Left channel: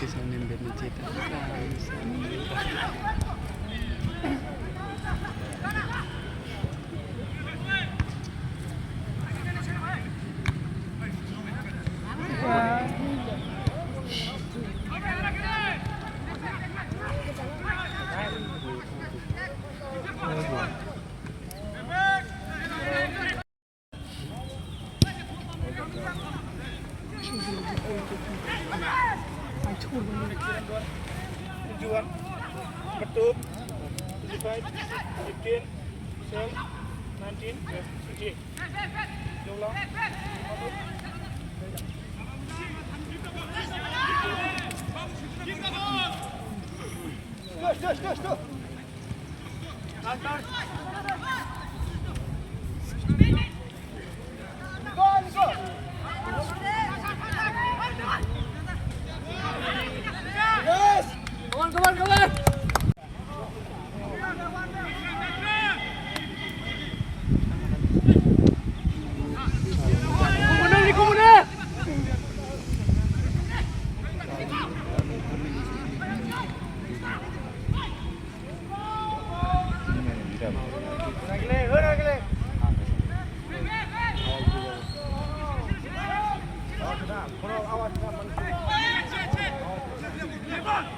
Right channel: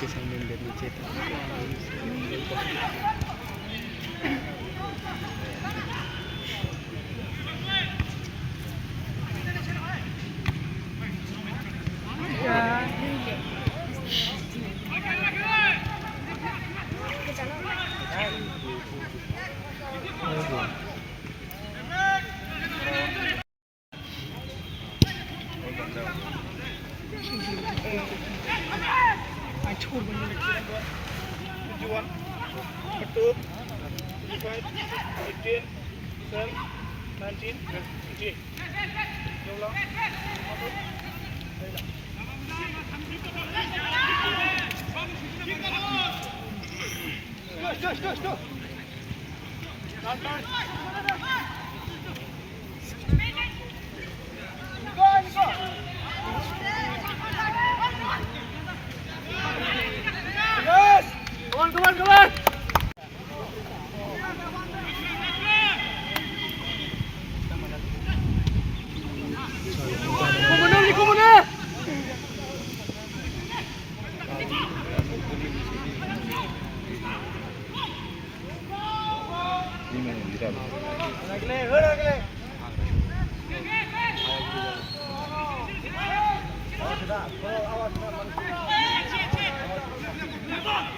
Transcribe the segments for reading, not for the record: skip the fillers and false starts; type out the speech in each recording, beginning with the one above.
kisah mindernya cetak. Tujuan ketuk 25 18 12 19 okay. Stop. Down. Go. Come on.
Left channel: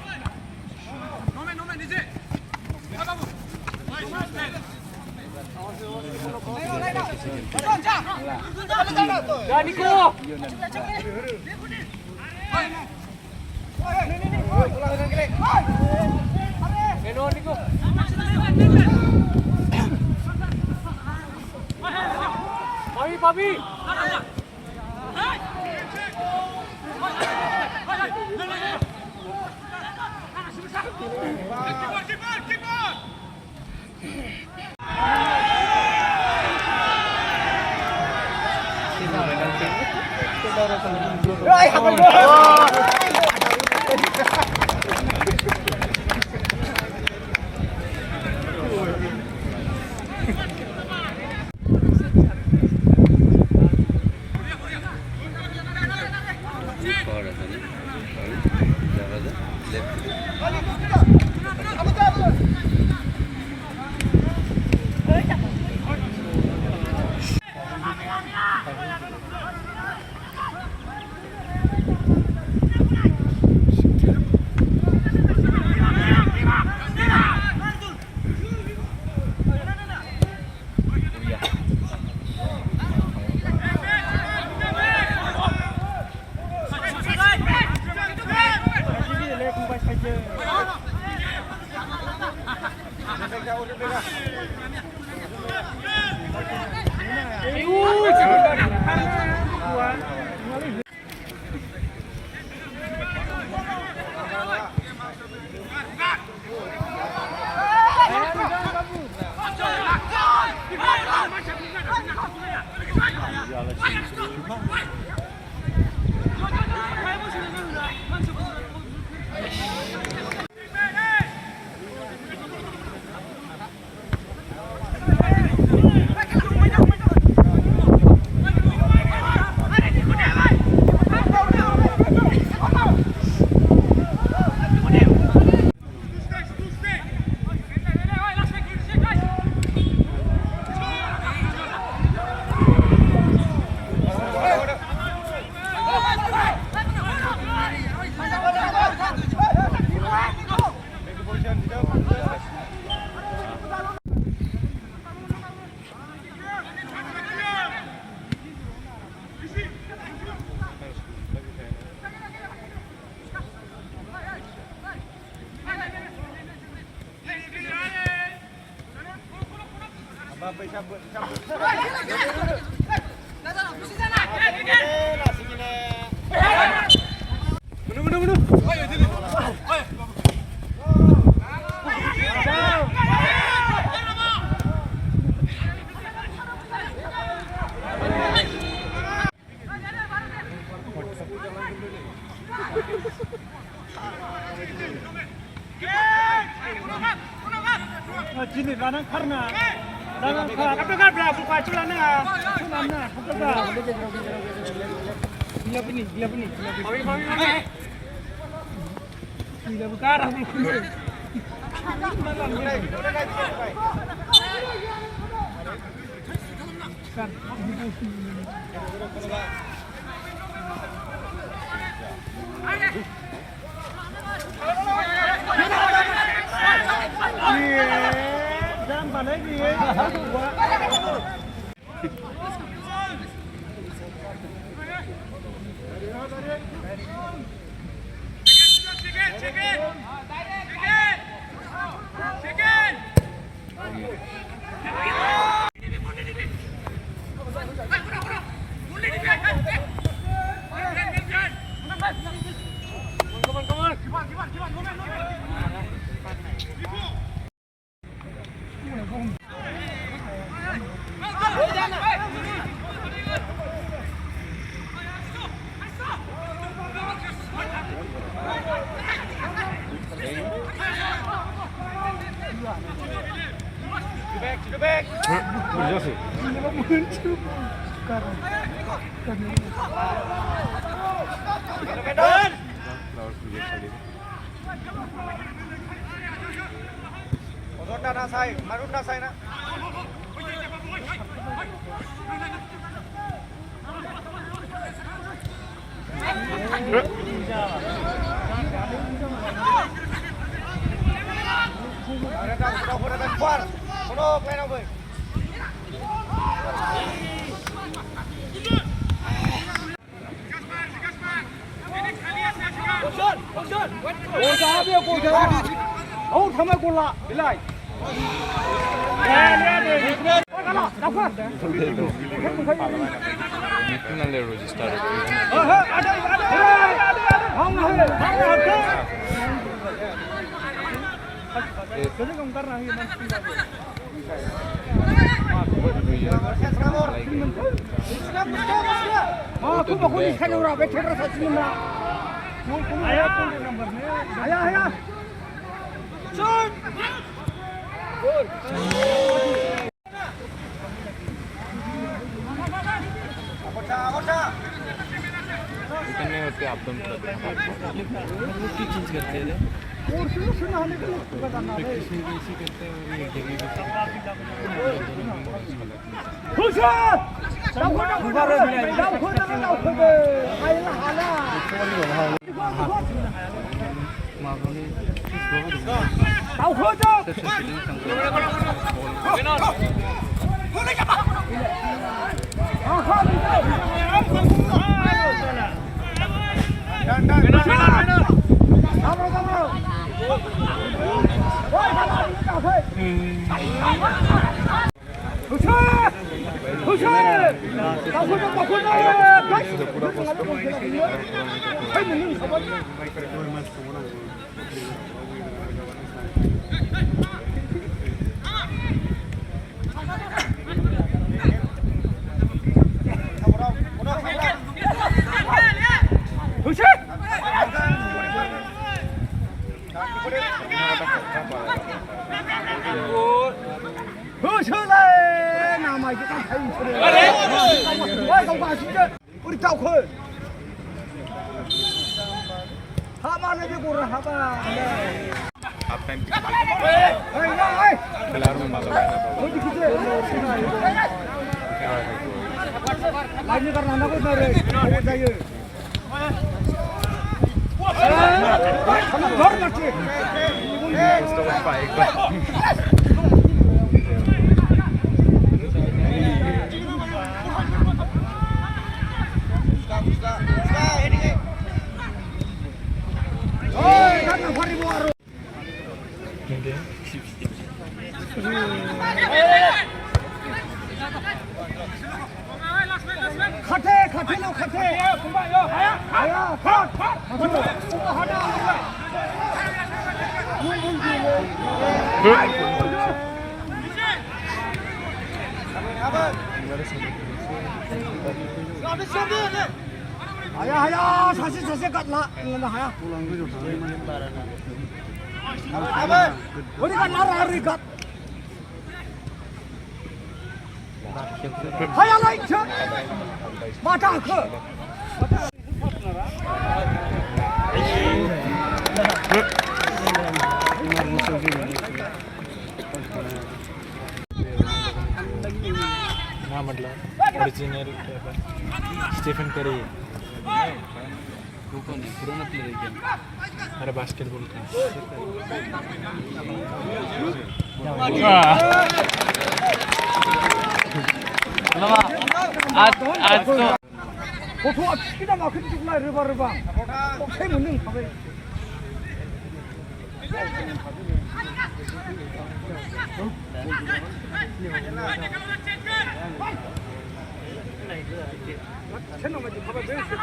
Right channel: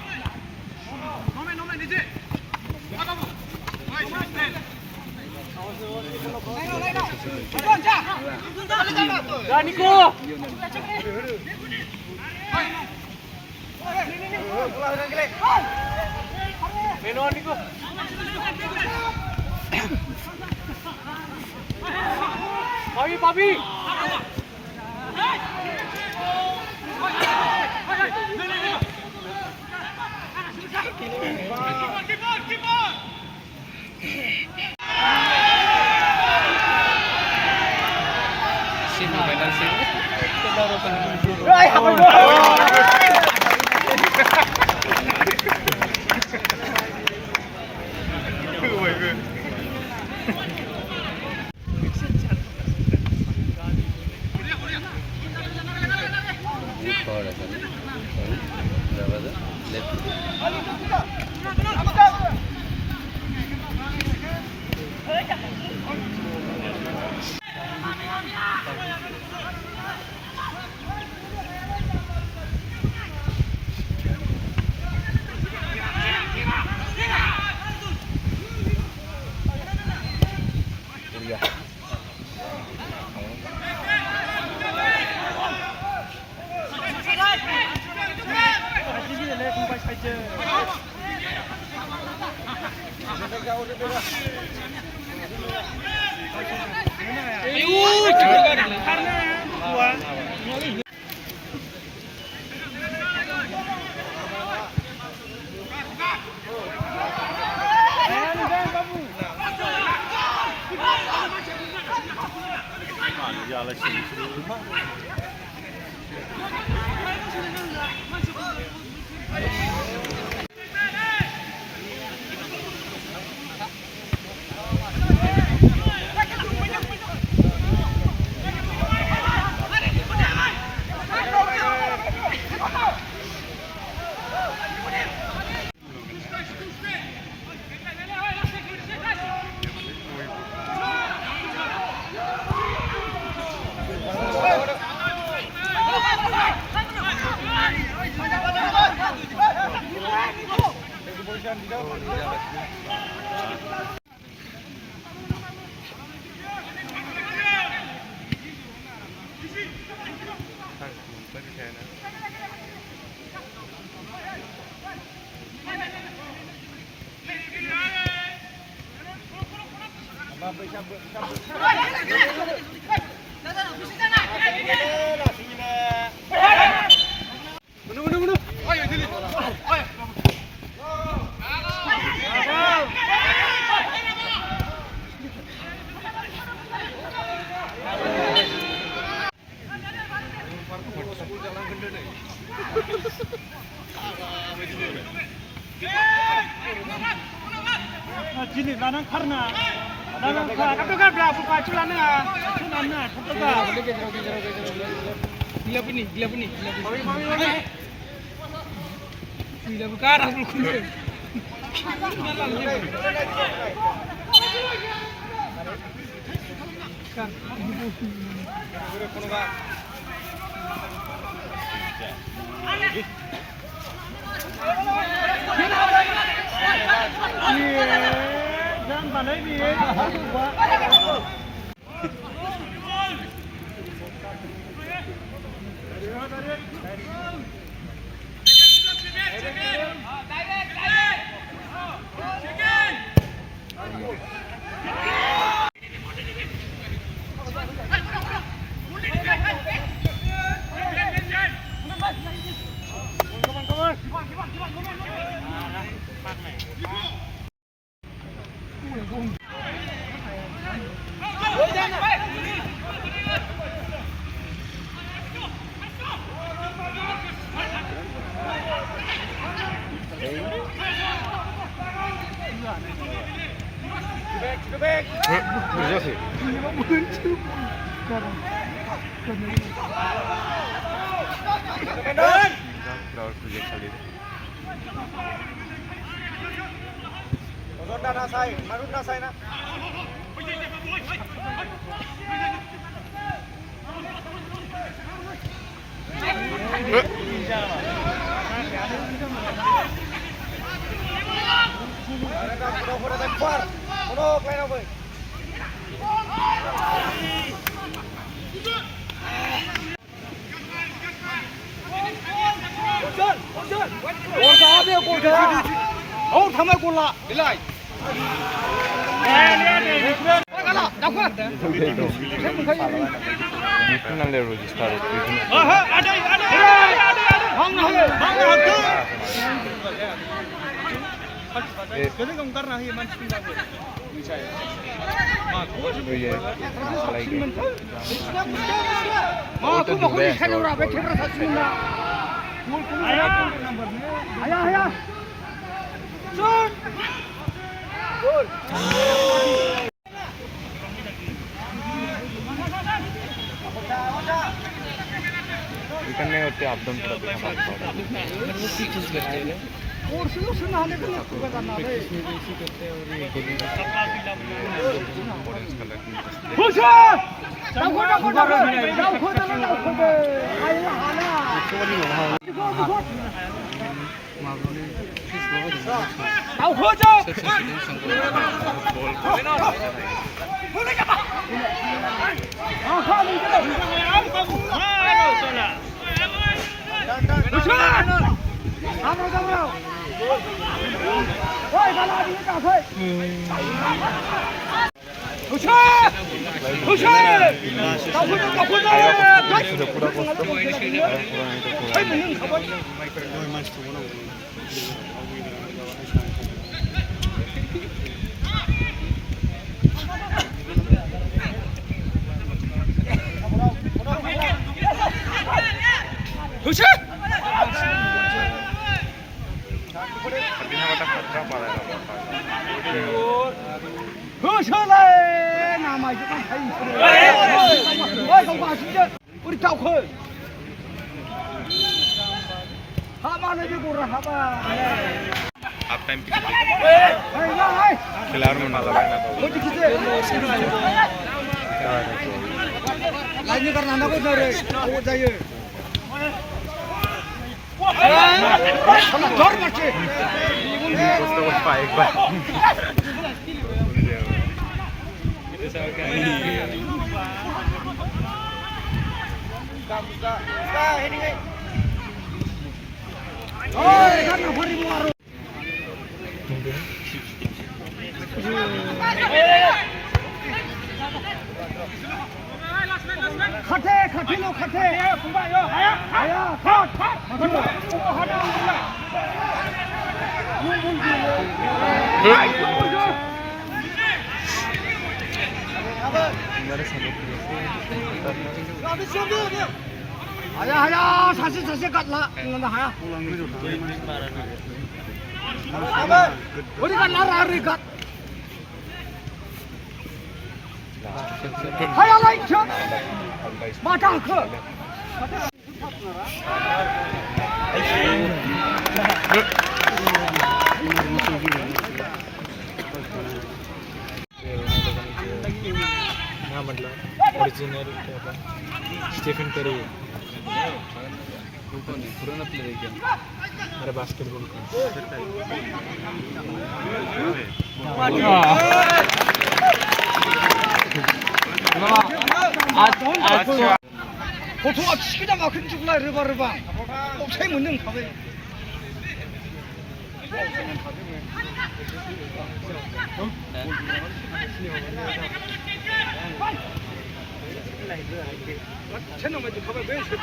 Nico. Menon Nico. Papi. Keep on. Gini, nanan karena Kakak dah buka cilan ni ah. Cilan ni. Gila puni. Gila buka dah buku. Jangan balik dia. 하야라 이천 마당 그 हाँ मतलब original Stephen करी पुराना player है अरे basketball का 보통아 치기다가 큰죽나 르바르방 곱새 묻는 가베 채널 가지고 가베 왜 있어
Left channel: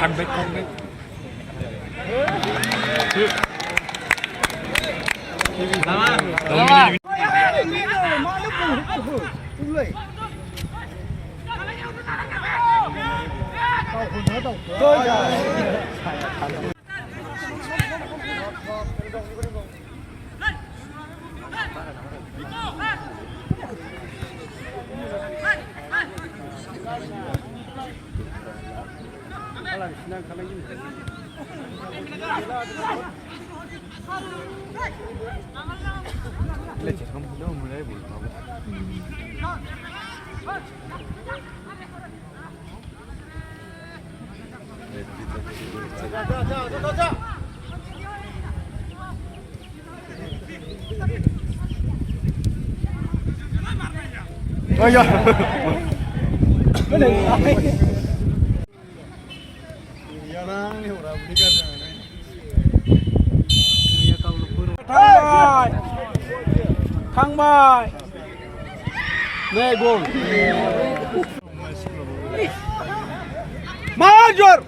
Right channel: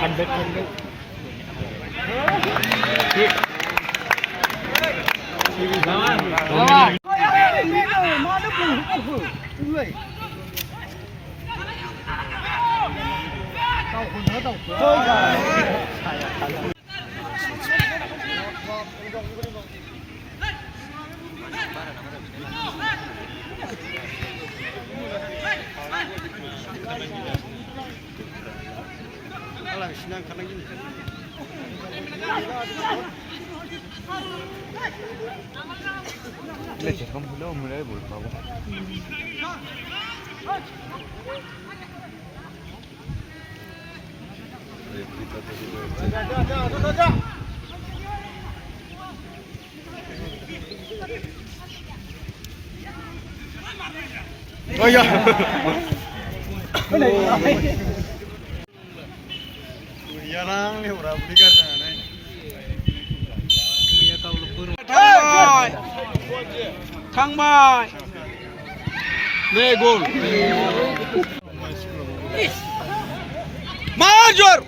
컴백 컴백 나만 Yang ni orang beli kerana ni. 강발 네 골. 마저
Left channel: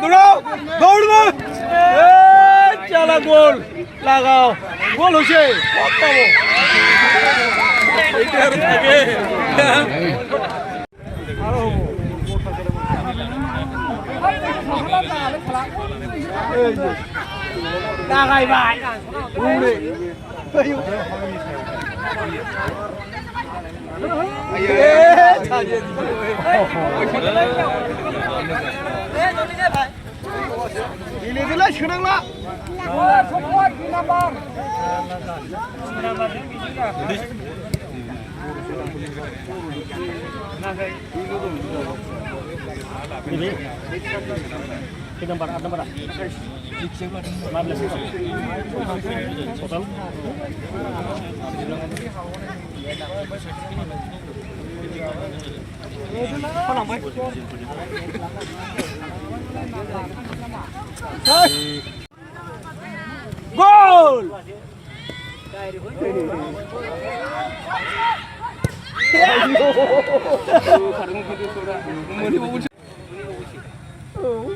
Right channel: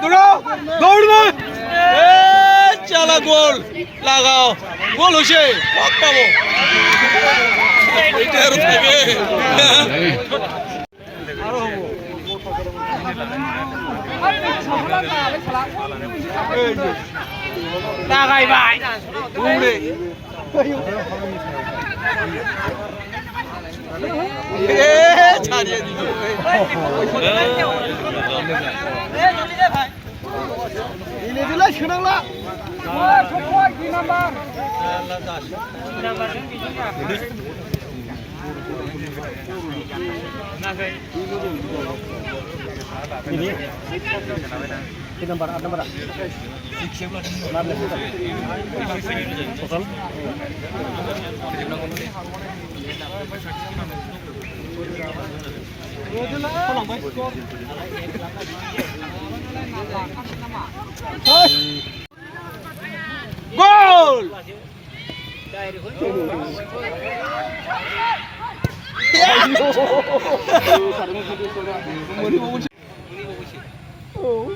Dulu, gol ni. Chala gol, lagao. Gol hoche, apa bo? Itu harus lagi. 나가이 바이 Gol!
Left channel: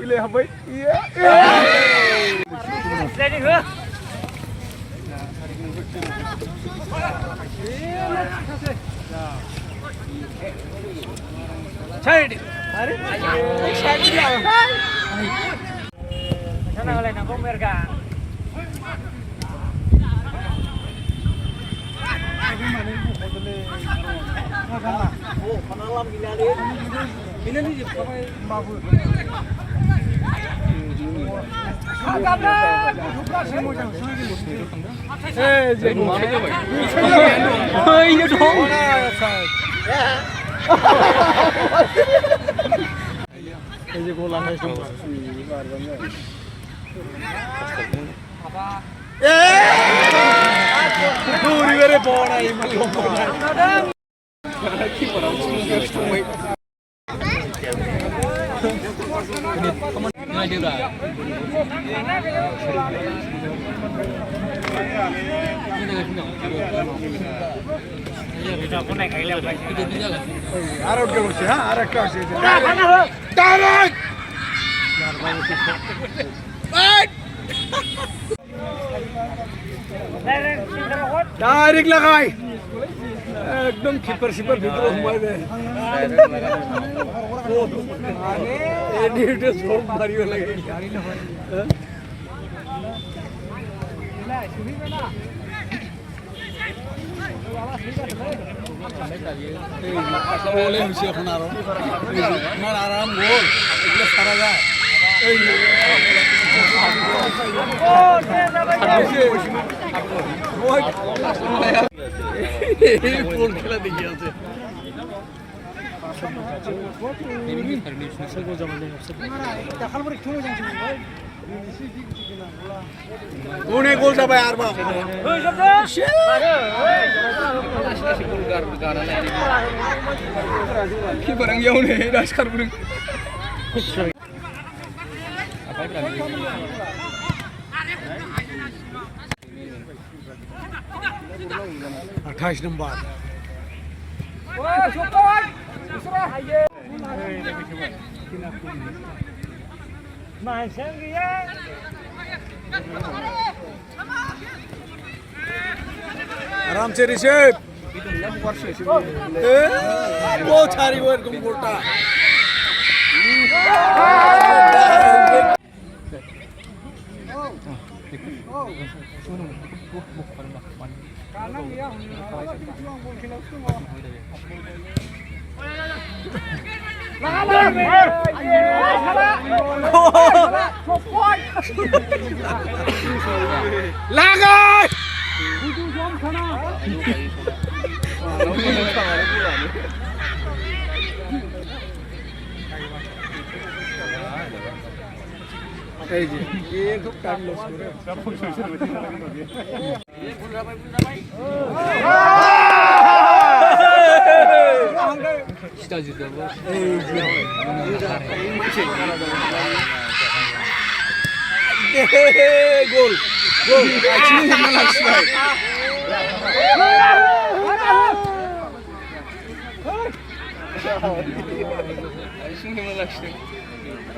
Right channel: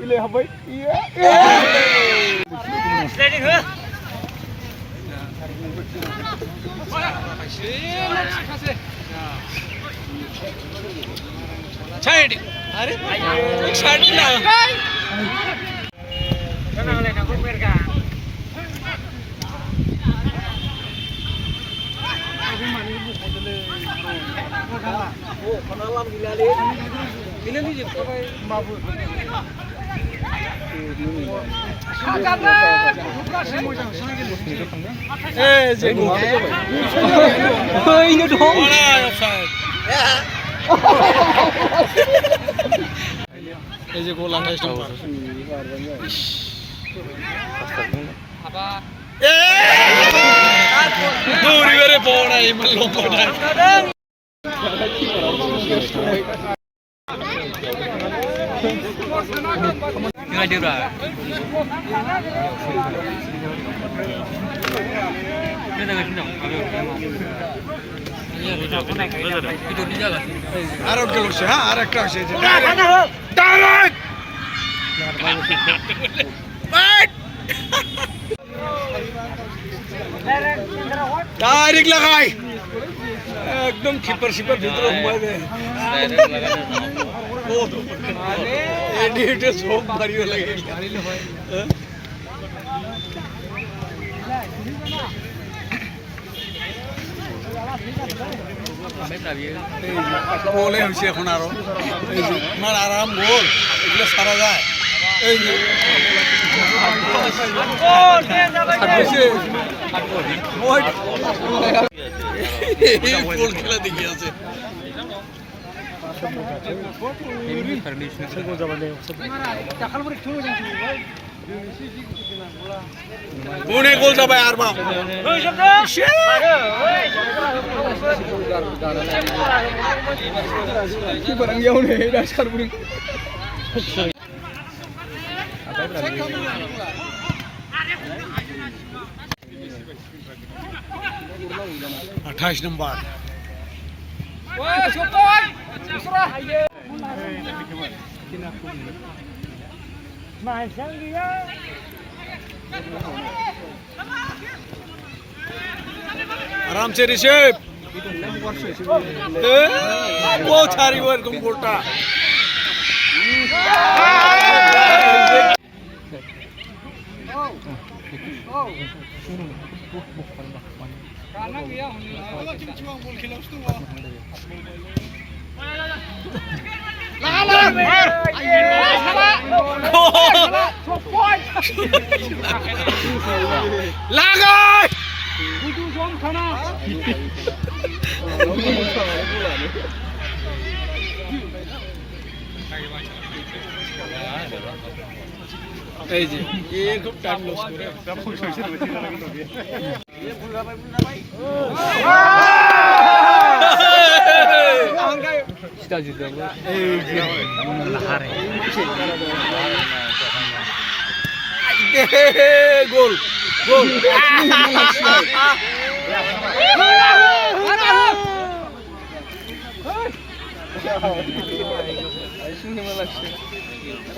Ile habai. Iya. 차이리 Are? Ek shot diya. Eh, jadi. Ini dong. এই যে গোল 28 নম্বর দৌড়ি বের Ore bona iman lomba. আর একটা হচ্ছে হ্যাঁ আর একটা আছে direct direct লাগাই একদম খিপার শিপার ভিতরে ঘুমাই দেয় এডিটে সব মারিয়ে লাগে বলে হচ্ছে এখন আরো আমার আরাম গোল এগুলো সারা যায় বল খেলা দেখি আছে কোনে গোল যাবে আর মা কি barang jauh nih dasar burung 28 নম্বর आराम से ऋषभ वो छारी वो एकदम गोटा लगा এই যে এর খুব টাইম লস করে সেটা জিতে এই যে গোল গোল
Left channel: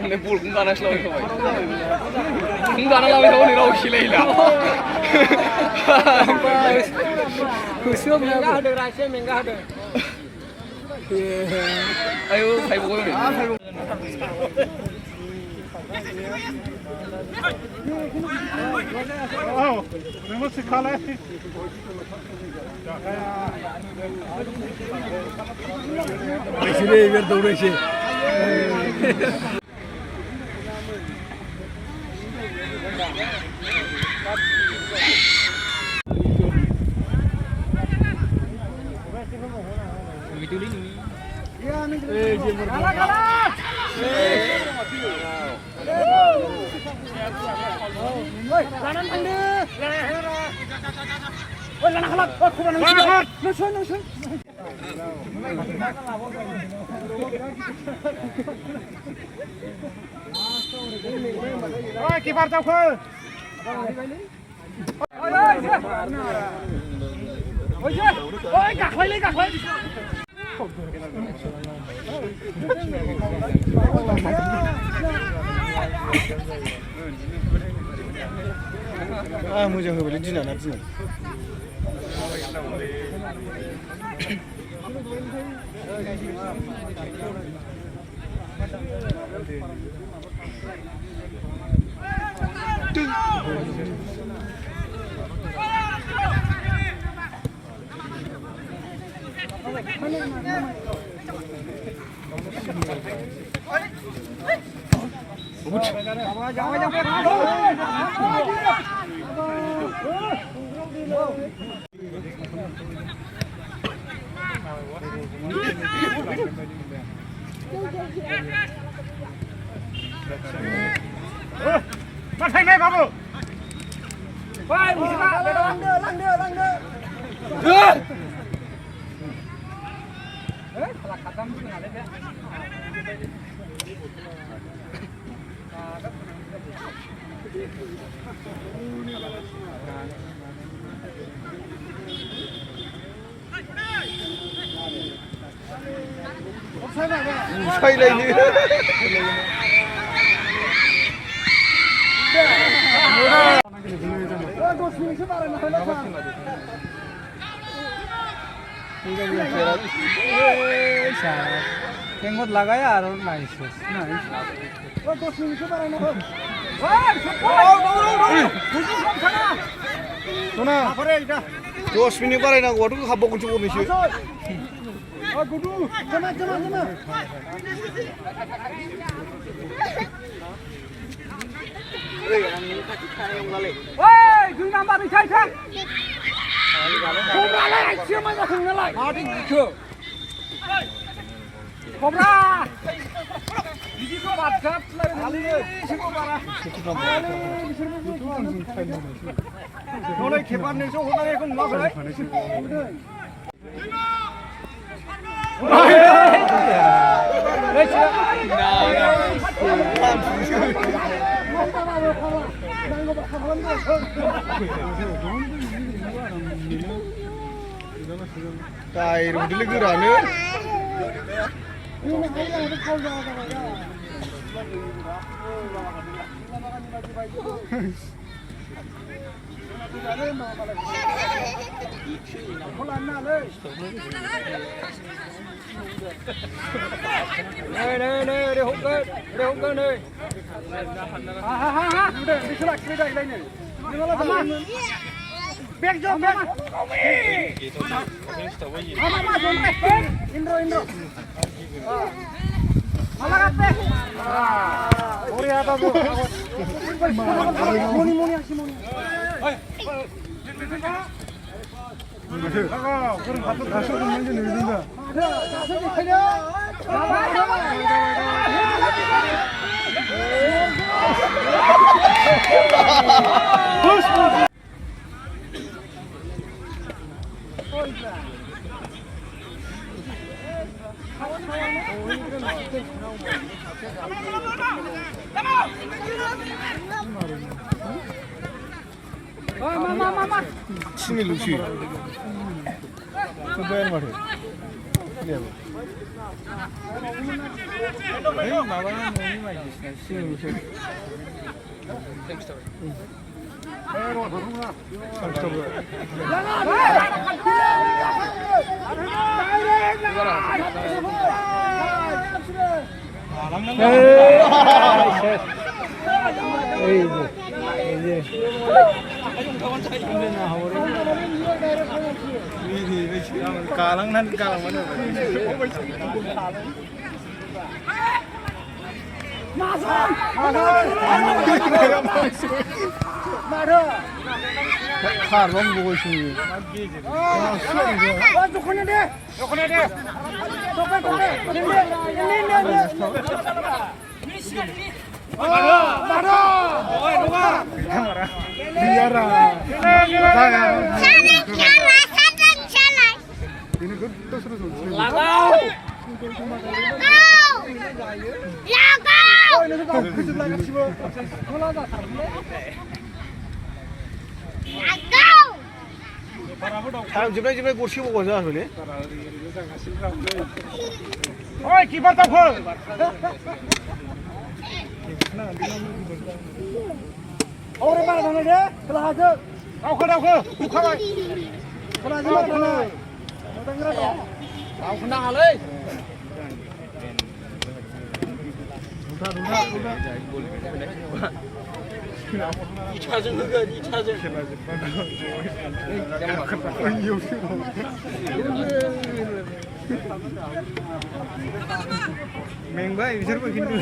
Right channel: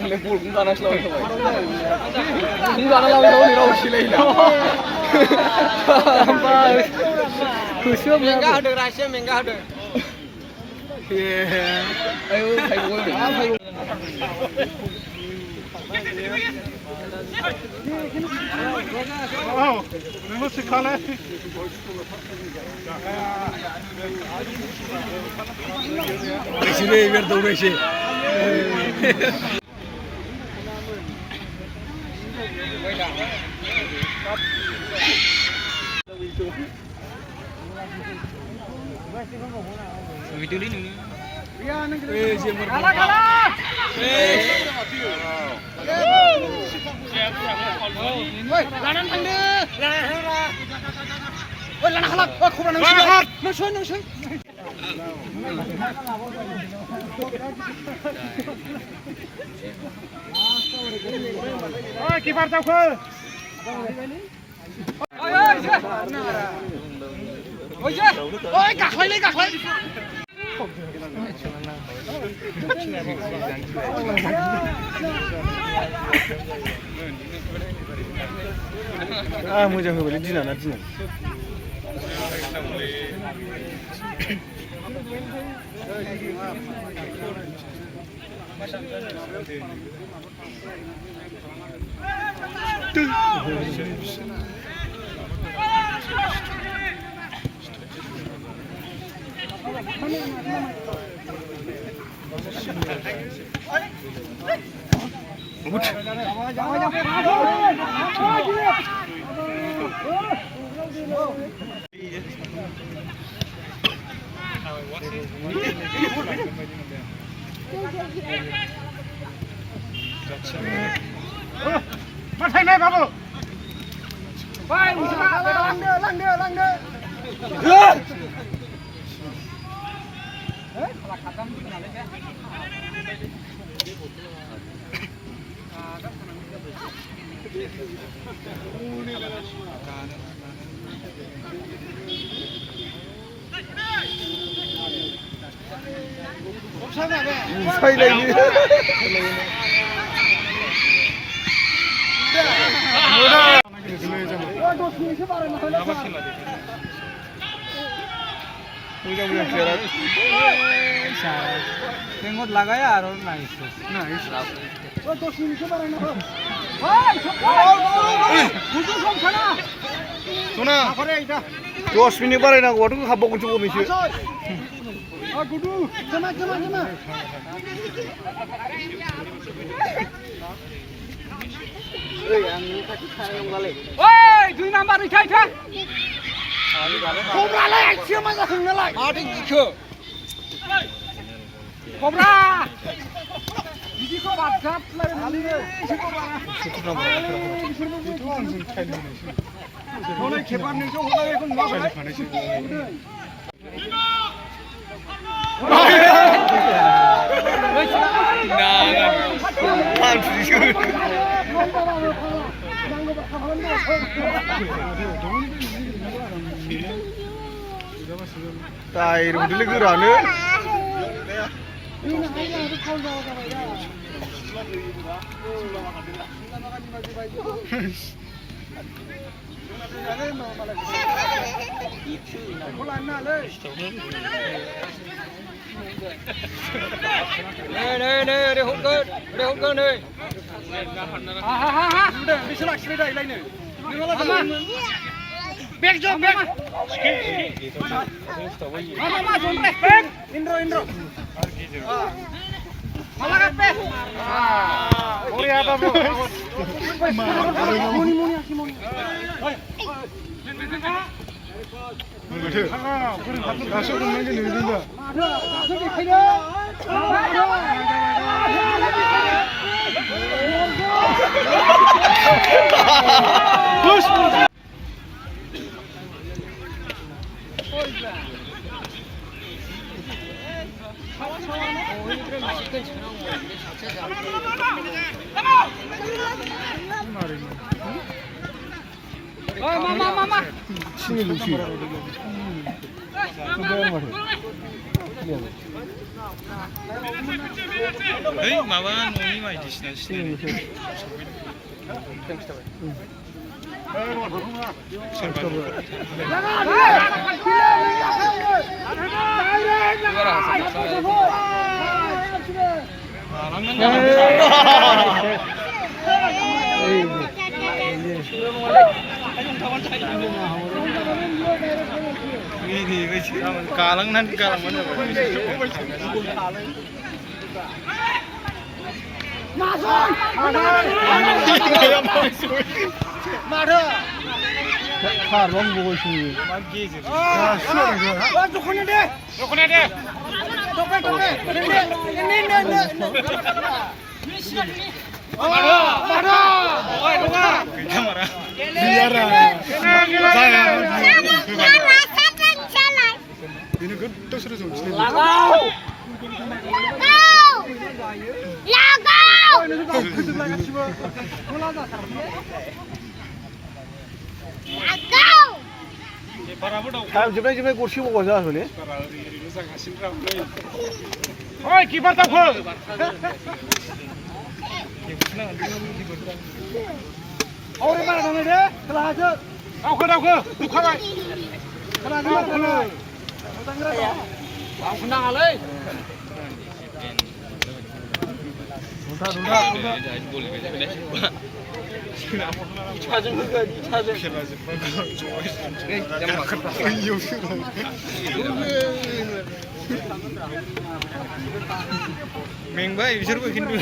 Oleh pul kung ganas lawan kau. Kung ganas lawan kau ni raus silai lah. Khusyuk mengah ada rasa mengah ada. Ayo, hai boy. Wow, memang sekali. Sudah biar tahu sih. Video ini. Kiper jauh ke. Oi, gakholi. Ah, mau jangan beli jinak nanti. Babu. Lang dia. 사이라이니. टेंगत लगाया और nice सोना 10 minute बारायनांगौ गथ' हाबबावगोनसो गरनैसो ओइ 2 number इथाय खमालाय एसे मा जाखो नोंलाय माथो गिखो खमरा बिदिखौ बादगाबलाय हालियो हनै खेबानैसो हरनायखौ मा tyre मोनदोंलै गोरानो Đây hút cơ này. Đi xuống lại đây này. Bek jo bek. Mama jom bek. Indro. Malah kape. Ori apa bu? Muni asih muni. Mama. Sini lucu. Bayar mah. Lihat. Hei, माबा न'नि बायदिसिना सिनायनो galangan mana? Karong boy sini. Dukune deh. Kamera. Biara. Saya. Ini kan terus sini. Lagau. Jumlah kursi mau kau jalan ni? Oi, kiper tak full. Orang mana dengan dia? Kelah aja. Aku. Bukan. Kelah aja mana? Tahu senang alai. Mengba बिसोरबो खिन्थु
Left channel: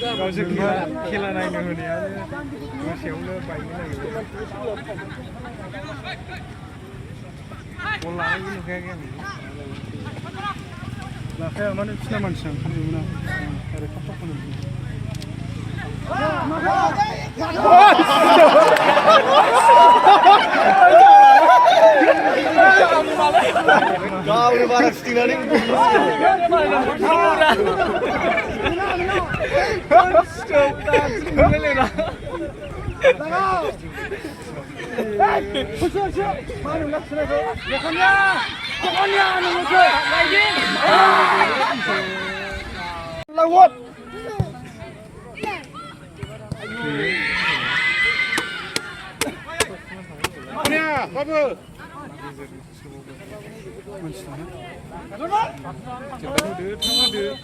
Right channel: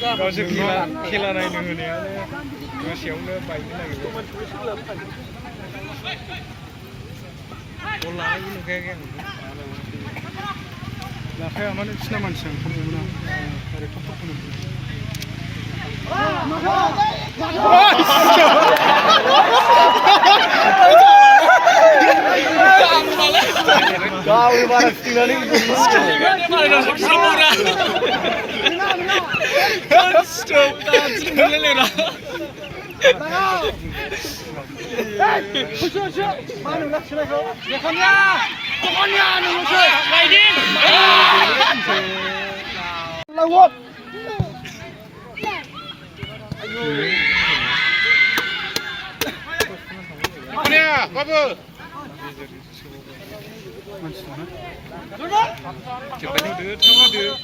गावसोर खेला नायनो होनायानो गोसोआवनो बायनो नागिरदों बल लानायबो नुखायाखै आं Lakai mana Islam macam kamu mana? Ada kotak kamu. Kau baru setengah ni. Lawat. Mana? Apa? Cepat dulu.